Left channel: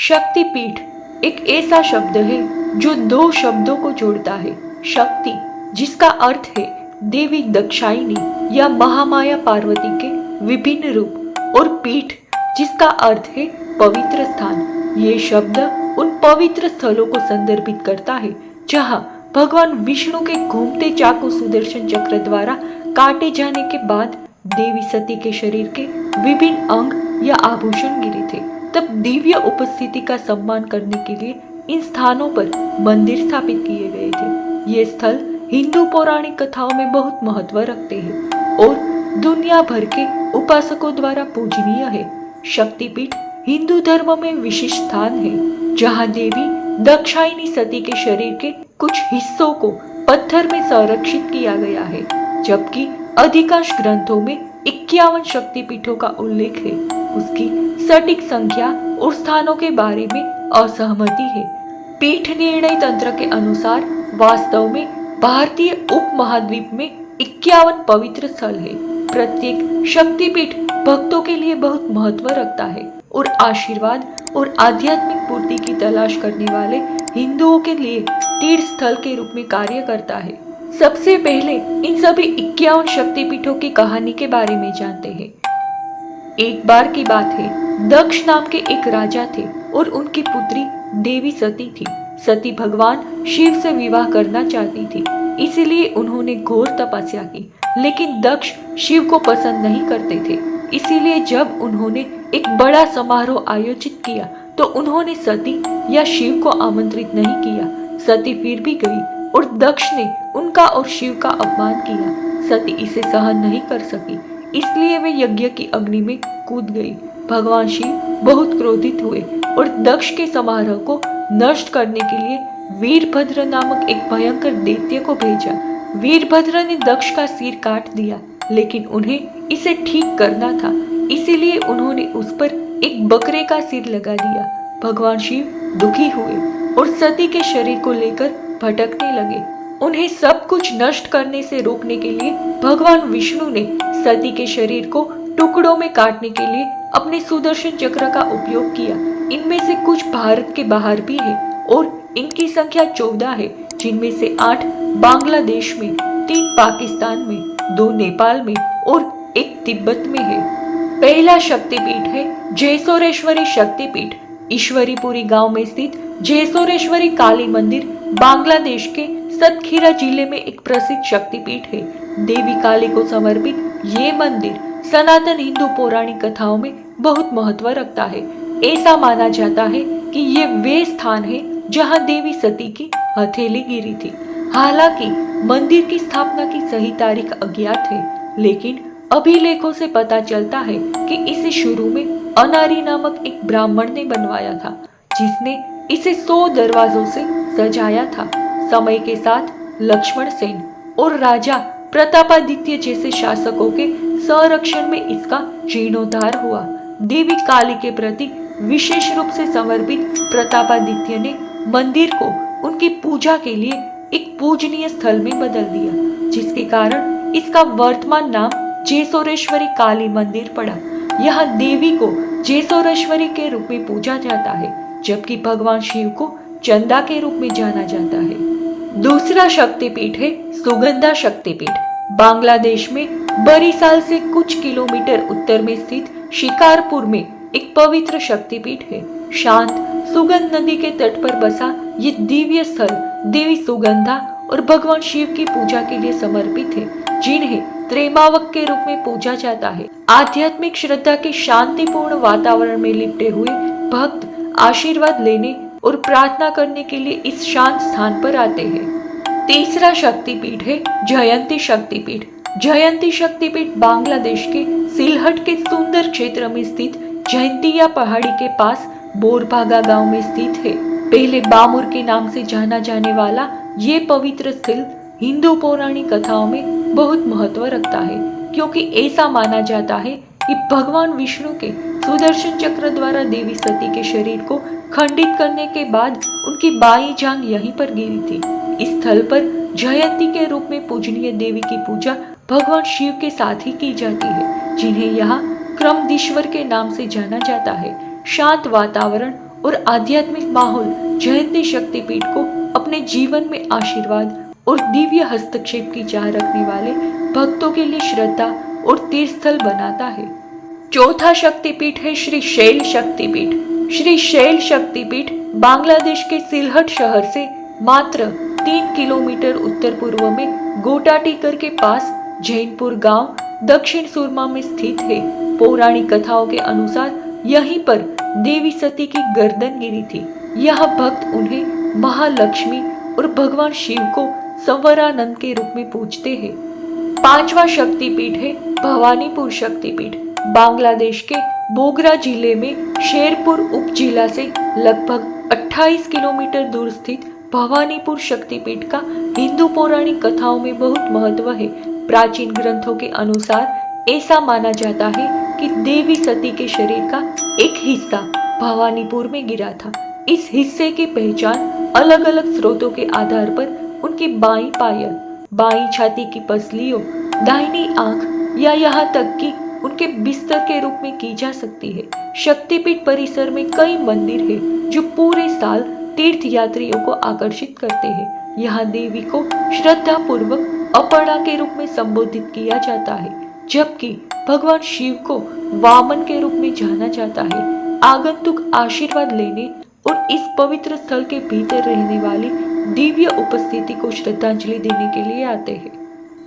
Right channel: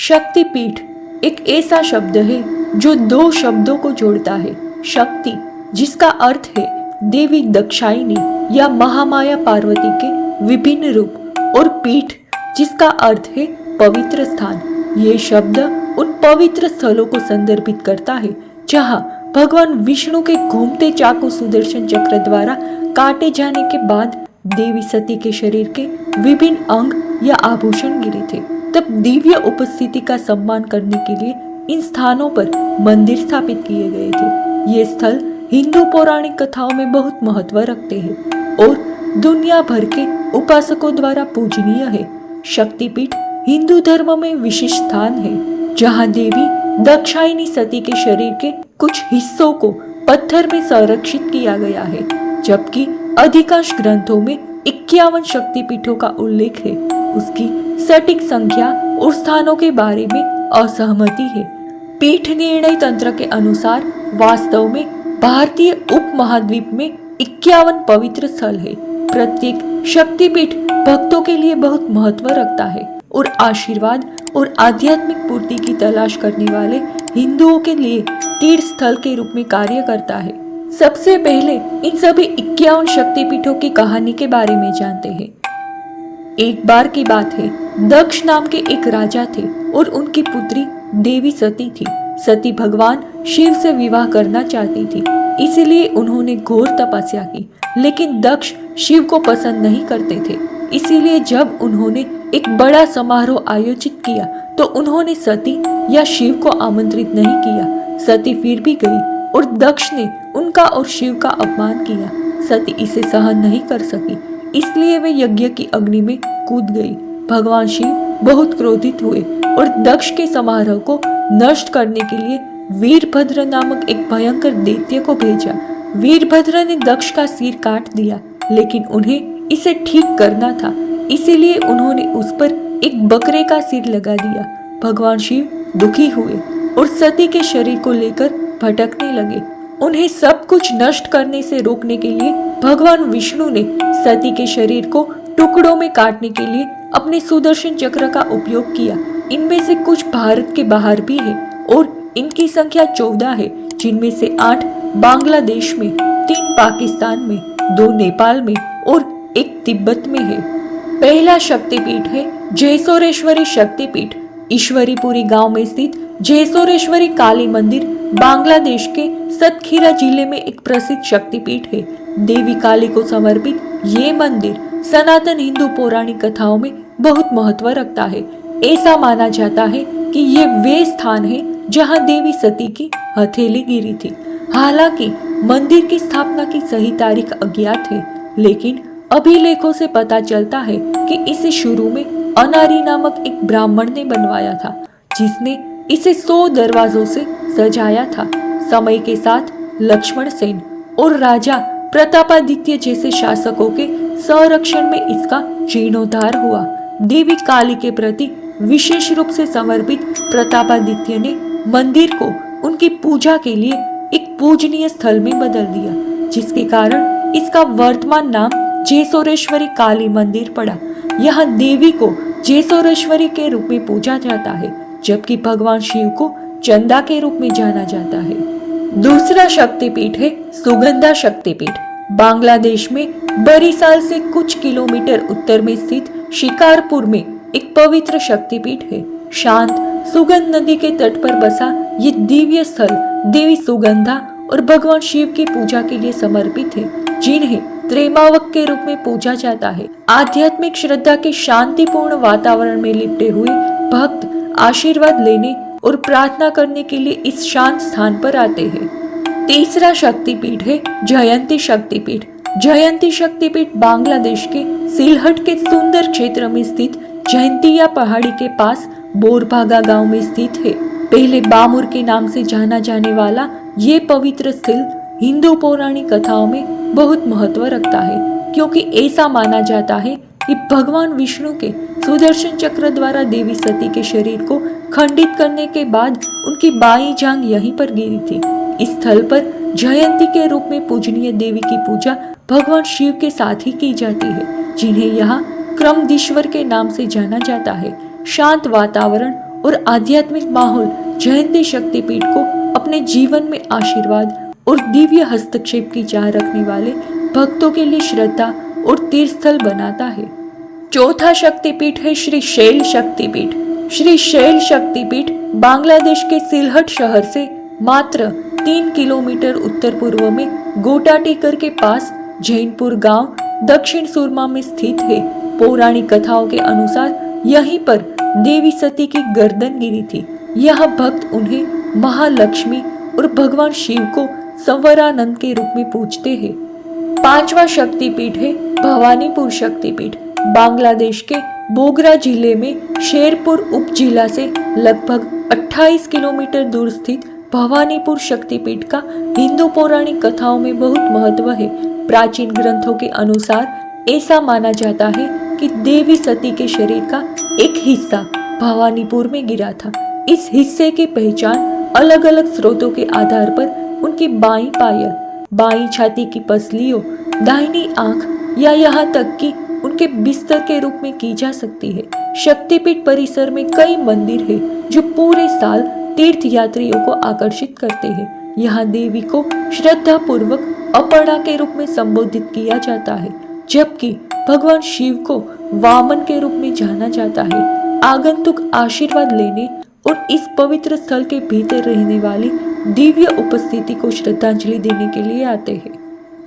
शक्तिपीठ एक ऐसा शब्द है जो दो शब्दों को जोड़ता है। शक्ति जिसका अर्थ है देवी दक्षायनी या महामाया पार्वती के विभिन्न रूप, और पीठ जिसका अर्थ है पवित्र स्थान। ये शब्द उन पवित्र स्थलों को संदर्भित करता है जहाँ भगवान विष्णु के घूमते चाकू सुदर्शन चक्र द्वारा काटे जाने के बाद देवी सती के शरीर के विभिन्न अंग या आभूषण गिरे थे। तब दिव्य उपस्थिति का सम्मान करने के लिए इन स्थानों पर मंदिर स्थापित किए गए थे। ये स्थल हिंदू पौराणिक कथाओं में बहुत महत्व रखते हैं और दुनिया भर के उपासकों द्वारा पूजनीय है। शक्तिपीठ हिंदू धर्म में विशिष्ट स्थान है जहाँ देवी दक्षायनी सती के शरीर के कुछ हिस्सों को पत्थर में संरक्षित किया गया है, जबकि अधिकांश ग्रंथों में 51 शक्तिपीठों का उल्लेख है। उसकी सटीक संख्या और स्थानों के बारे में असहमति है। पीठ निर्णय तंत्र के अनुसार वास्तव में भारतीय उपमहाद्वीप में 51 पवित्र स्थल है। प्रत्येक शक्तिपीठ भक्तों के लिए बहुत महत्व रखता है और आशीर्वाद और आध्यात्मिक पूर्ति की तलाश करने वाले हिंदुओं के लिए तीर्थ स्थल के रूप में कार्य करता है। सबसे पहले इन सभी 51 शक्तिपीठों की कहानी के बारे में जानते हैं। एक बार की बात है, दक्ष नाम के एक राजा थे और उनकी पुत्री देवी सती थी। सती भगवान शिव से विवाह करना चाहती थी, इसीलिए उन्होंने घोर तपस्या की, लेकिन दक्ष शिव को पसंद नहीं करते थे। इसीलिए जब उन्होंने एक बड़ा समारोह आयोजित किया तो उन्होंने सती या शिव को आमंत्रित नहीं किया। सती फिर भी गई और दक्ष ने उनका और शिव का अपमान किया। सती इसे सहन नहीं कर सकी, इसलिए वे यज्ञ की अग्नि में कूद गई। भगवान शिव बहुत क्रोधित हुए और दक्ष के समारोह को नष्ट करने के लिए वीरभद्र नामक एक भयंकर दैत्य को भेजा। वीरभद्र ने दक्ष का सिर काट दिया, लेकिन उन्हें इसे ठीक करना था, इसीलिए उन्होंने उस पर एक बकरे का सिर लगा दिया। भगवान शिव दुखी हुए और सती के शरीर को लेकर भटकने लगे। उन्हें सब कुछ नष्ट करने से रोकने के लिए भगवान विष्णु ने सती के शरीर को टुकड़ों में काटने के लिए अपने सुदर्शन चक्र का उपयोग किया। इनमें से कुछ भारत के बाहर भी है और इनकी संख्या 14 है, जिनमें से 8 बांग्लादेश में, 3 पाकिस्तान में, 2 नेपाल में और 1 तिब्बत में है। पहला शक्तिपीठ है जयसोरेश्वरी शक्तिपीठ। ईश्वरीपुरी गांव में स्थित जयसोरेश्वरी काली मंदिर बांग्लादेश के सतखीरा जिले में एक प्रसिद्ध शक्तिपीठ है। देवी काली को समर्पित ये मंदिर सनातन हिंदू पौराणिक कथाओं में बहुत महत्व रखता है। ऐसा माना जाता है कि ये वे स्थान है जहां देवी सती की हथेली गिरी थी। हालांकि मंदिर की स्थापना की सही तारीख अज्ञात है, लेकिन अभिलेखों से पता चलता है कि इसे शुरू में अनारी नामक एक ब्राह्मण ने बनवाया था, जिसने इसे 100 दरवाजों से सजाया था। समय के साथ लक्ष्मण सेन और राजा प्रतापादित्य जैसे शासकों के संरक्षण में इसका जीर्णोद्धार हुआ। देवी काली के प्रति विशेष रूप से समर्पित प्रतापादित्य ने मंदिर को उनकी पूजा के लिए एक पूजनीय स्थल में बदल दिया, जिसके कारण इसका वर्तमान नाम जयसोरेश्वरी काली मंदिर पड़ा। यहाँ देवी को जयसोरेश्वरी के रूप में पूजा जाता है, जबकि भगवान शिव को चंदा के रूप में जाना जाता है। दूसरा शक्तिपीठ है सुगंधा शक्तिपीठ। बांग्लादेश में बरिशाल से कुछ किलोमीटर उत्तर में स्थित शिकारपुर में एक पवित्र शक्तिपीठ है। शांत सुगंध नदी के तट पर बसा ये दिव्य स्थल देवी सुगंधा और भगवान शिव की पूजा के लिए समर्पित है, जिन्हें त्रैमावक के रूप में पूजा जाता है। आध्यात्मिक श्रद्धा के शांतिपूर्ण वातावरण में लिपटे हुए भक्त आशीर्वाद लेने और प्रार्थना करने के लिए इस शांत स्थान पर आते हैं। तीसरा शक्तिपीठ है जयंती शक्तिपीठ। जयंती शक्तिपीठ बांग्लादेश के सिलहट के सुंदर क्षेत्र में स्थित जयंतिया पहाड़ी के पास बोरभागा गांव में स्थित है। पहले बामुर के नाम से जाना जाने वाला ये पवित्र स्थल हिंदू पौराणिक कथाओं में बहुत महत्व रखता है, क्योंकि ऐसा माना जाता है कि भगवान विष्णु के सुदर्शन चक्र द्वारा देवी सती के शरीर को खंडित करने के बाद उनकी बाईं जांघ यहीं पर गिरी थी। इस स्थल पर जयंती के रूप में पूजनीय देवी की पूजा भगवान शिव के साथ ही की जाती है, जिन्हें यहाँ क्रमदीश्वर के नाम से जाना जाता है। शांत वातावरण और आध्यात्मिक माहौल जयंती शक्तिपीठ को अपने जीवन में आशीर्वाद और दिव्य हस्तक्षेप की चाह रखने वाले भक्तों के लिए श्रद्धा और तीर्थस्थल बनाता है। चौथा शक्तिपीठ है श्री शैल शक्तिपीठ। श्री शैल शक्तिपीठ बांग्लादेश के सिलहट शहर से मात्र 3 किलोमीटर उत्तर पूर्व में गोटाटीकर के पास जैनपुर गांव दक्षिण सुरमा में स्थित है। पौराणिक कथाओं के अनुसार यहीं पर देवी सती की गर्दन गिरी थी। यह भक्त उन्हें महालक्ष्मी और भगवान शिव को संवरानंद के रूप में पूजते हैं। पांचवा शक्तिपीठ है भवानीपुर शक्तिपीठ। बांग्लादेश के बोगरा जिले में शेरपुर उपजिला से लगभग 28 किलोमीटर दूर स्थित भवानीपुर शक्तिपीठ का हिंदू पौराणिक कथाओं में बहुत महत्व है। प्राचीन ग्रंथों के अनुसार ऐसा माना जाता है कि देवी सती के शरीर का एक हिस्सा भवानीपुर में गिरा था। इस हिस्से की पहचान अलग अलग स्रोतों के आधार पर उनकी बाईं पायल, बाईं छाती की पसलियों, दाहिनी आंख या यहाँ तक कि उनके बिस्तर के रूप में की जा सकती है। शक्तिपीठ परिसर में कई मंदिर है जो पूरे साल तीर्थ यात्रियों को आकर्षित करते हैं। यहाँ देवी को श्रद्धा पूर्वक अपर्णा के रूप में संबोधित किया जाता है, जबकि भगवान शिव को वामन के रूप में जाना जाता है। आगंतुक आशीर्वाद लेने और इस पवित्र स्थल के भीतर रहने वाली दिव्य उपस्थिति को श्रद्धांजलि देने के लिए आते हैं।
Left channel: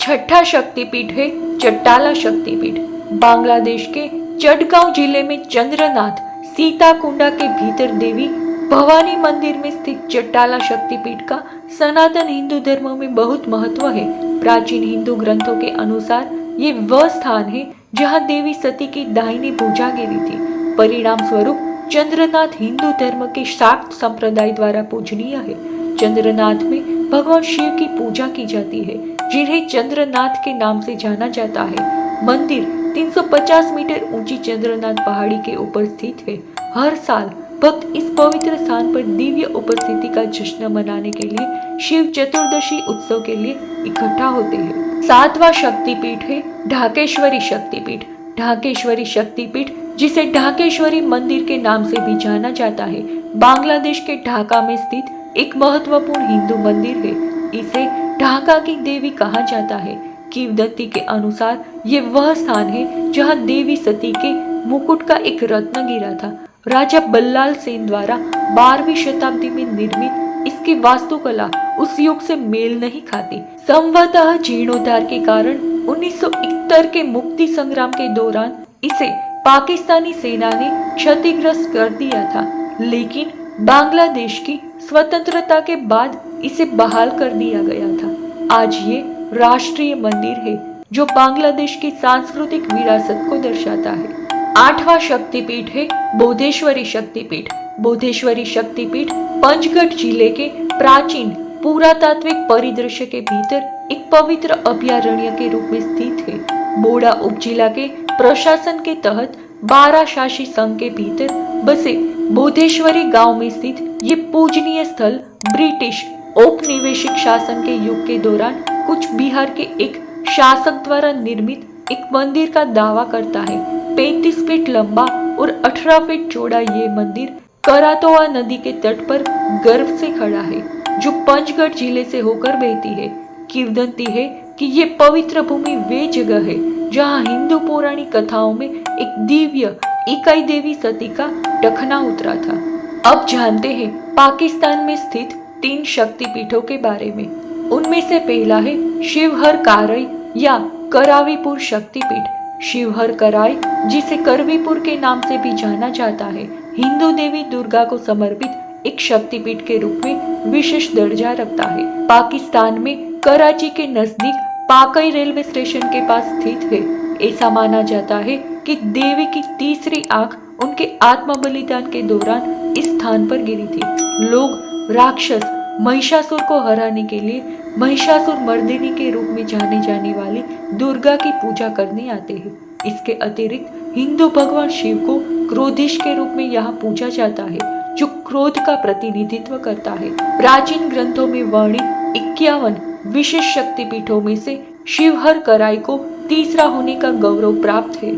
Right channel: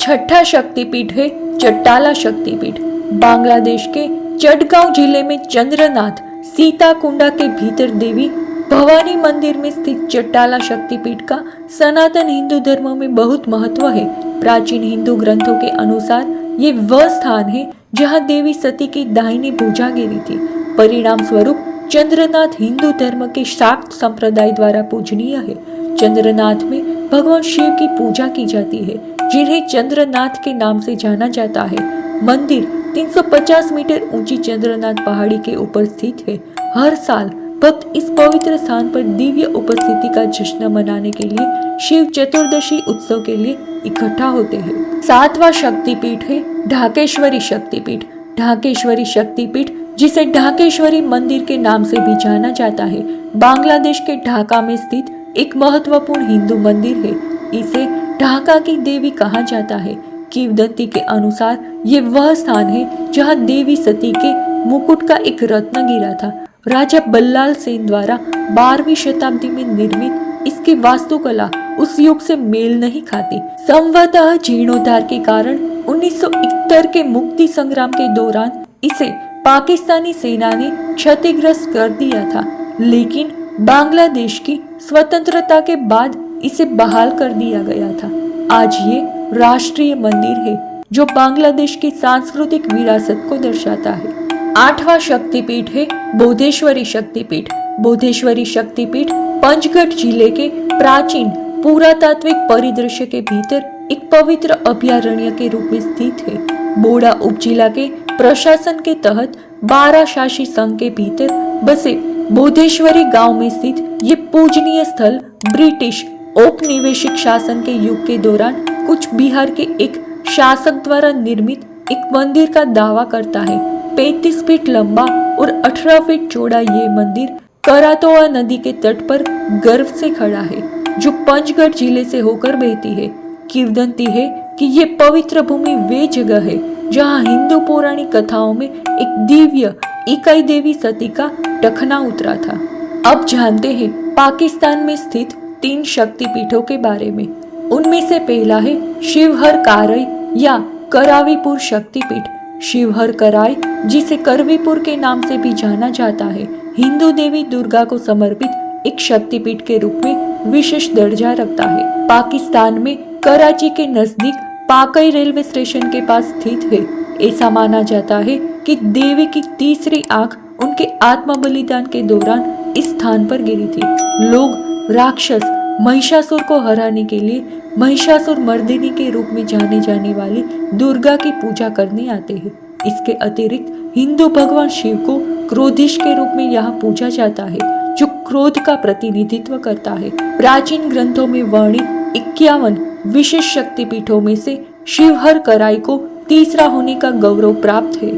छठा शक्तिपीठ है चट्टाला शक्तिपीठ। बांग्लादेश के चटगांव जिले में चंद्रनाथ सीताकुंडा के भीतर देवी भवानी मंदिर में स्थित चट्टाला शक्तिपीठ का सनातन हिंदू धर्म में बहुत महत्व है। प्राचीन हिंदू ग्रंथों के अनुसार ये वह स्थान है जहाँ देवी सती की दाहिनी भुजा गिरी थी। परिणाम स्वरूप चंद्रनाथ हिंदू धर्म के शाक्त संप्रदाय द्वारा पूजनीय है। चंद्रनाथ में भगवान शिव की पूजा की जाती है, जिन्हें चंद्रनाथ के नाम से जाना जाता है। मंदिर 350 मीटर ऊंची चंद्रनाथ पहाड़ी के ऊपर स्थित है। हर साल भक्त इस पवित्र स्थान पर दिव्य उपस्थिति का जश्न मनाने के लिए शिव चतुर्दशी उत्सव के लिए इकट्ठा होते हैं। सातवां शक्तिपीठ है ढाकेश्वरी शक्तिपीठ। ढाकेश्वरी शक्तिपीठ, जिसे ढाकेश्वरी मंदिर के नाम से भी जाना जाता है, बांग्लादेश के ढाका में स्थित एक महत्वपूर्ण हिंदू मंदिर है। इसे ढाका की देवी कहा जाता है। किंवदंती के अनुसार ये वह स्थान है जहाँ देवी सती के मुकुट का एक रत्न गिरा था। राजा बल्लाल सेन द्वारा 12वीं शताब्दी में निर्मित इसकी वास्तुकला उस युग से मेल नहीं खाती। संभवतः जीर्णोद्धार के कारण 1971 के मुक्ति संग्राम के दौरान इसे पाकिस्तानी सेना ने क्षतिग्रस्त कर दिया था, लेकिन बांग्लादेश की स्वतंत्रता के बाद इसे बहाल कर दिया गया था। आज ये राष्ट्रीय मंदिर है जो बांग्लादेश की सांस्कृतिक विरासत को दर्शाता है। आठवां शक्तिपीठ है बोधेश्वरी शक्तिपीठ। बोधेश्वरी शक्तिपीठ पंचगढ़ जिले के प्राचीन पुरातात्विक परिदृश्य के भीतर एक पवित्र अभयारण्य के रूप में स्थित है। बोडा उपजिला के प्रशासन के तहत 12 शासी संघ के भीतर बसे बोधेश्वरी गांव में स्थित ये पूजनीय स्थल ब्रिटिश औपनिवेशिक शासन के युग के दौरान कुछ बिहार के एक शासक द्वारा निर्मित एक मंदिर का दावा करता है। 35 फीट लंबा और 18 फीट चौड़ा ये मंदिर करातोआ नदी के तट पर गर्व से खड़ा है, जो पंचगढ़ जिले से होकर बहती है। किंवदंती है कि ये पवित्र भूमि वे जगह है जहाँ हिंदू पौराणिक कथाओं में एक दिव्य इकाई देवी सती का टखना उतरा था। अब जानते हैं पाकिस्तान में स्थित 3 शक्तिपीठों के बारे में। उनमें से पहला है शिवहर कराई या करावीपुर शक्तिपीठ। शिवहर कराई, जिसे करवीपुर के नाम से भी जाना जाता है, हिंदू देवी दुर्गा को समर्पित एक शक्तिपीठ के रूप में विशेष दर्जा रखता है। पाकिस्तान में कराची के नजदीक पाकई रेलवे स्टेशन के पास स्थित है। ऐसा माना जाता है कि देवी की तीसरी आंख उनके आत्म बलिदान के दौरान इस स्थान पर गिरी थी। लोग राक्षस महिषासुर को हराने के लिए महिषासुर मर्दिनी के रूप में जाने जाने वाली दुर्गा की पूजा करने आते हैं। इसके अतिरिक्त हिंदू भगवान शिव को क्रोधीश के रूप में यहाँ पूजा जाता है, जो क्रोध का प्रतिनिधित्व करता है। प्राचीन ग्रंथों में वर्णित 51 विशेष शक्तिपीठों में से शिवहर कराई को तीसरा होने का गौरव प्राप्त है।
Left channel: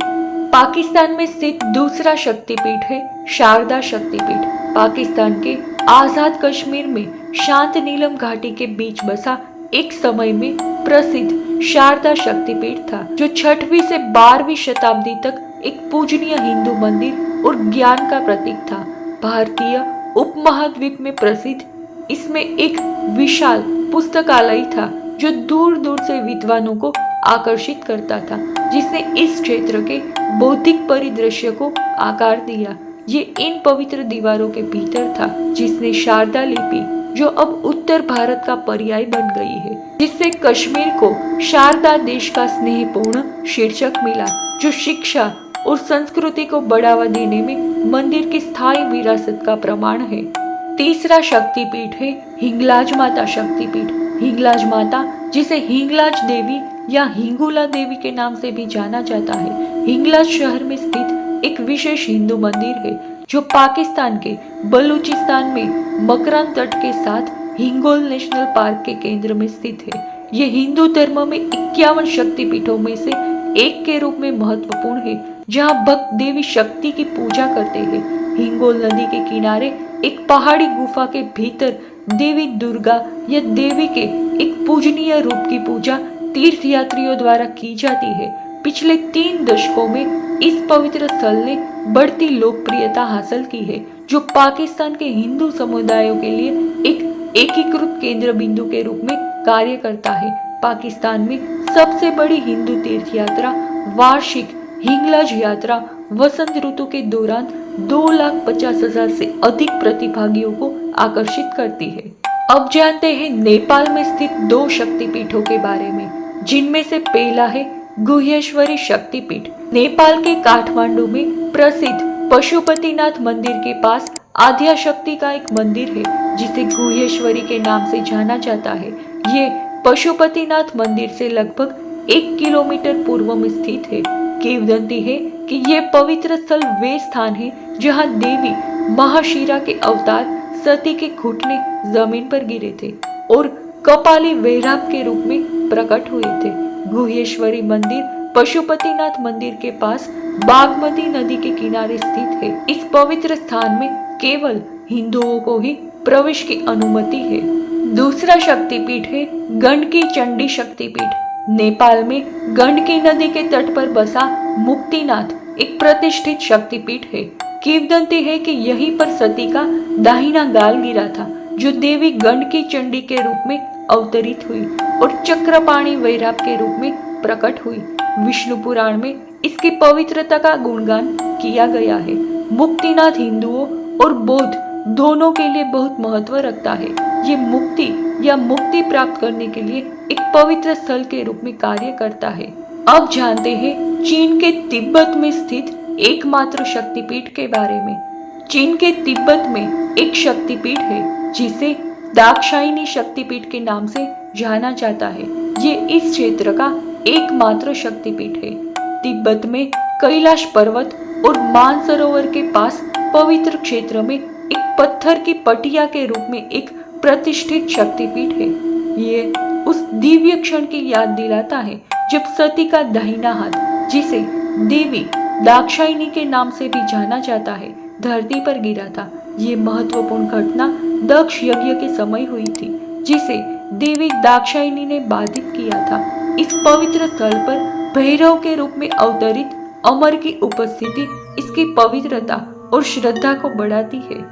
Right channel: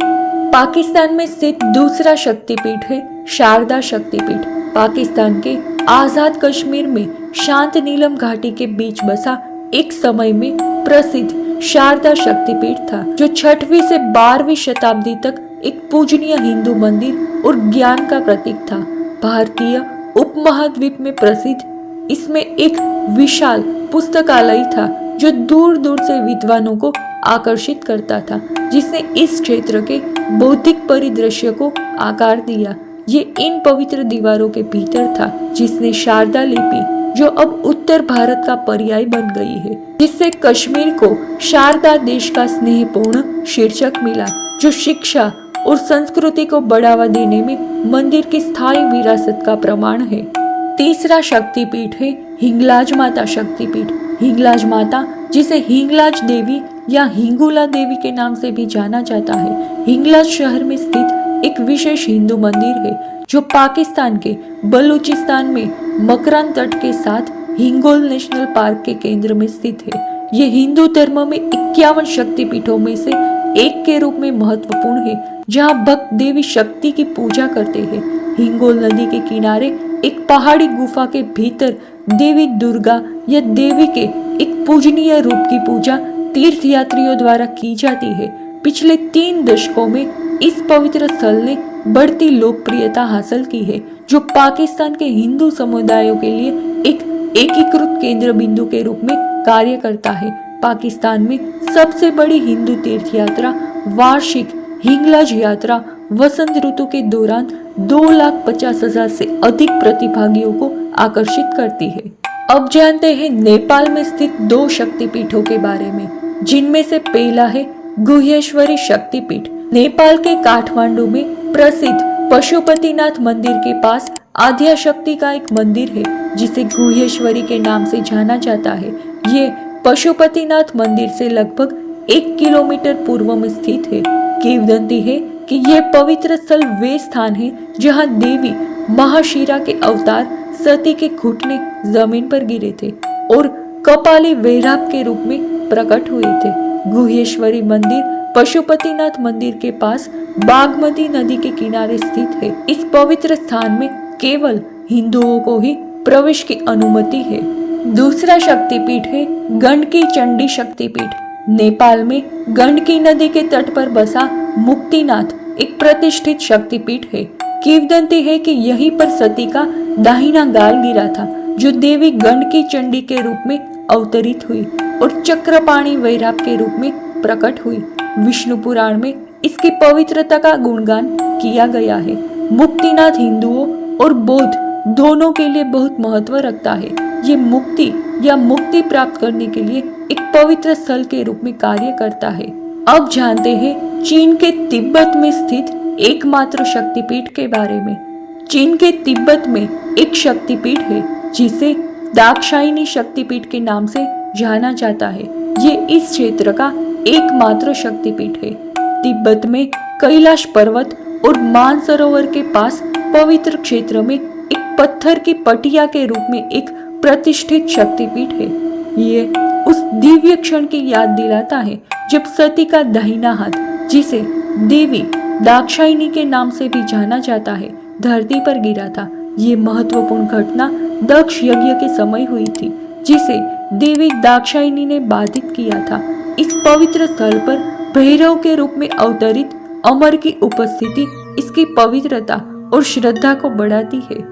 पाकिस्तान में स्थित दूसरा शक्तिपीठ है शारदा शक्तिपीठ पाकिस्तान के आजाद कश्मीर में शांत नीलम घाटी के बीच बसा एक समय में प्रसिद्ध शारदा शक्तिपीठ था, जो 6वीं से 12वीं शताब्दी तक एक पूजनीय हिंदू मंदिर और ज्ञान का प्रतीक था। भारतीय उपमहाद्वीप में प्रसिद्ध इसमें एक विशाल पुस्तकालय था, जो दूर दूर से विद्वानों को आकर्षित करता था, जिसने इस क्षेत्र के बौद्धिक परिदृश्य को आकार दिया। ये इन पवित्र दीवारों के भीतर था, जिसने शारदा लिपि, जो अब उत्तर भारत का पर्याय बन गई है, जिससे कश्मीर को शारदा देश का स्नेहपूर्ण शीर्षक मिला, जो शिक्षा और संस्कृति को बढ़ावा देने में मंदिर की स्थायी विरासत का प्रमाण है। तीसरा शक्तिपीठ है हिंगलाज माता शक्तिपीठ। हिंगलाज माता, जिसे हिंगलाज देवी या हिंगुला देवी के नाम से भी जाना जाता है, हिंगलाज शहर में स्थित एक विशेष हिंदू मंदिर है, जो पाकिस्तान के बलूचिस्तान में मकरान तट के साथ हिंगोल नेशनल पार्क के केंद्र में स्थित है। ये हिंदू धर्म में 51 शक्तिपीठों में से एक के रूप में महत्वपूर्ण है, जहाँ भक्त देवी शक्ति की पूजा करते हैं। हिंगोल नदी के किनारे एक पहाड़ी गुफा के भीतर देवी दुर्गा या देवी के एक पूजनीय रूप की पूजा तीर्थयात्रियों द्वारा की जाती है। पिछले 3 दशकों में इस पवित्र स्थल ने बढ़ती लोकप्रियता हासिल की है, जो पाकिस्तान के हिंदू समुदायों के लिए एक एकीकृत केंद्र बिंदु के रूप में कार्य करता है। पाकिस्तान में सबसे बड़ी हिंदू तीर्थ यात्रा वार्षिक हिंगलाज यात्रा वसंत ऋतु के दौरान 2,50,000 से अधिक प्रतिभागियों को आकर्षित करती है। अब जानते हैं नेपाल में स्थित 2 शक्तिपीठों के बारे में, जिनमें से पहला है गुह्येश्वरी शक्तिपीठ। नेपाल के काठमांडू में प्रसिद्ध पशुपतिनाथ मंदिर के पास आद्याशक्ति का एक मंदिर है, जिसे गुह्येश्वरी के नाम से जाना जाता है। ये पशुपतिनाथ मंदिर से लगभग 1 किलोमीटर पूर्व में स्थित है। किंवदंती है कि यह पवित्र स्थल वे स्थान है जहां देवी महाशिरा के अवतार सती के घुटने जमीन पर गिरे थे और कपाली वैराग के रूप में प्रकट हुए थे। गुह्येश्वरी मंदिर पशुपतिनाथ मंदिर के पास बागमती नदी के किनारे स्थित है। इस पवित्र स्थान में केवल हिंदुओं को ही प्रवेश की अनुमति है। दूसरा शक्तिपीठ है गंडकी चंडी शक्तिपीठ। नेपाल में गंडकी नदी के तट पर बसा मुक्तिनाथ एक प्रतिष्ठित शक्तिपीठ है। किंवदंती है कि यहीं पर सती का दाहिना गाल गिरा था, जो देवी गंडकी चंडी के रूप में अवतरित हुई और चक्रपाणी वैराग के रूप में प्रकट हुई। विष्णु पुराण में इसकी पवित्रता का गुणगान किया गया है। मुक्तिनाथ हिंदुओं और बौद्ध दोनों के लिए बहुत महत्व रखता है। ये मुक्ति या मुक्ति प्राप्त करने के लिए एक पवित्र स्थल के रूप में कार्य करता है। अब जानते हैं चीन के तिब्बत में स्थित एकमात्र शक्तिपीठ के बारे में। चीन के तिब्बत में एक शक्तिपीठ है, जिसे दाक्षायणी शक्तिपीठ के नाम से जाना जाता है। ये इस क्षेत्र का एकमात्र शक्तिपीठ है। तिब्बत में कैलाश पर्वत और मानसरोवर के पास पवित्र क्षेत्र में एक पत्थर की पटिया के रूप में एक प्रतिष्ठित शक्तिपीठ है। ये उस दिव्य क्षण की याद दिलाता है जब सती का दाहिना हाथ, जिसे देवी दाक्षायणी के नाम से भी जाना जाता है, धरती पर गिरा था। ये महत्वपूर्ण घटना दक्ष यज्ञ के समय हुई थी, जिसे देवी दाक्षायणी ने बाधित किया था। इस पवित्र स्थल पर भैरव के रूप में अवतरित अमर की उपस्थिति इसकी पवित्रता और श्रद्धा को बढ़ाती है।